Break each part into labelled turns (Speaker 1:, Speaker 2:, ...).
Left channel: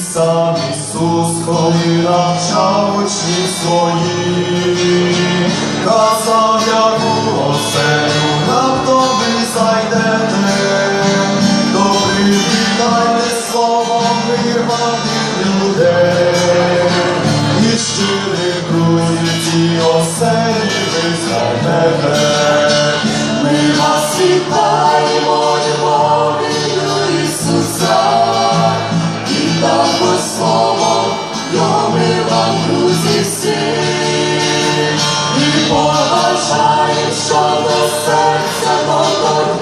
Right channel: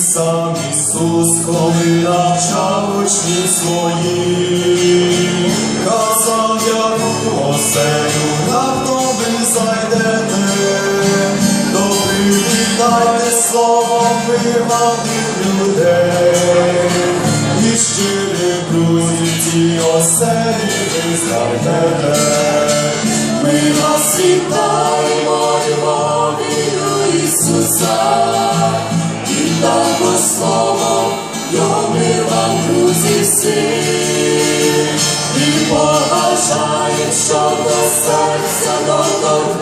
Speaker 1: сам Ісус, коли навчав учнів своїх, казав яку «Ну, оселю, раптом ви зайдете, добрі вітайте словом вирваних людей, і щирі друзі ті оселі ви
Speaker 2: знайдете, ми вас вітаємо, любові Ісуса словом, його мир вам, друзі, всі. І побажаємо, щоб до серця доторкнувся,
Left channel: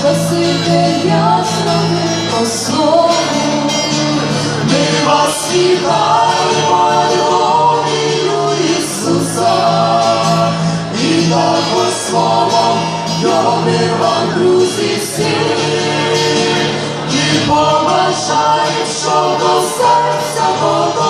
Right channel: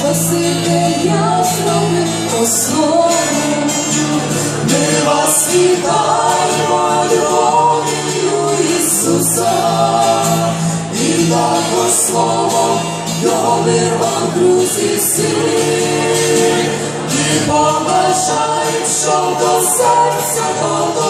Speaker 1: Спасибі, я зробив по. Ми вас вітаємо, любов'ю Ісуса, і також словом його друзі, всі. І побажаємо, що до серця доторкнувся,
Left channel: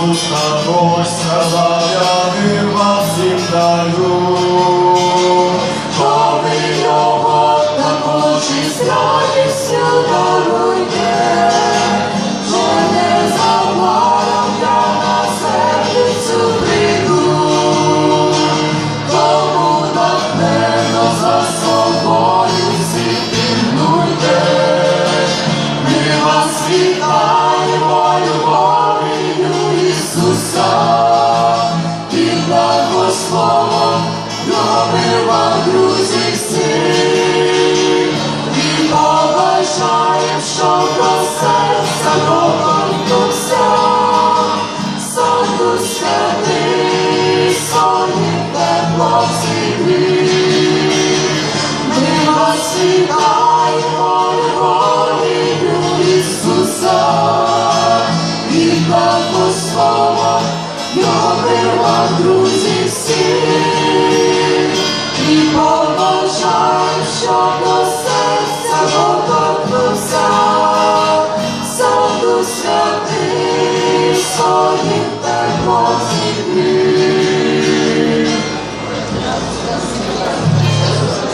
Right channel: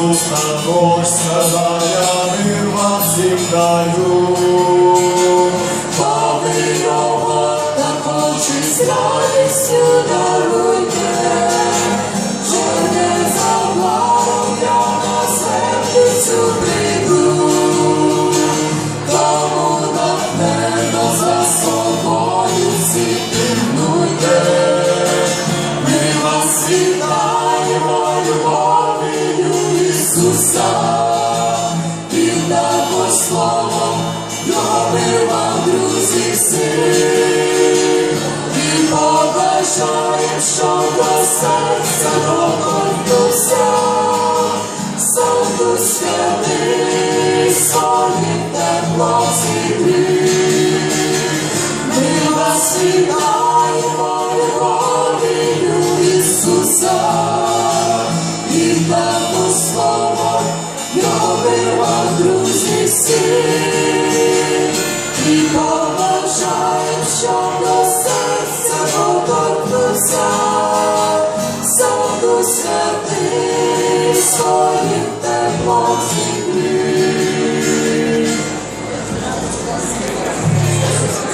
Speaker 1: Ісус
Speaker 2: також сказав, я мир вам всім даю.
Speaker 1: Коли його даруйте, благословом його вам, друзі, всі. І побажаєм, що до серця доторкнувся, сонду Святий, своїм теплом зігрів. Побажаємо, що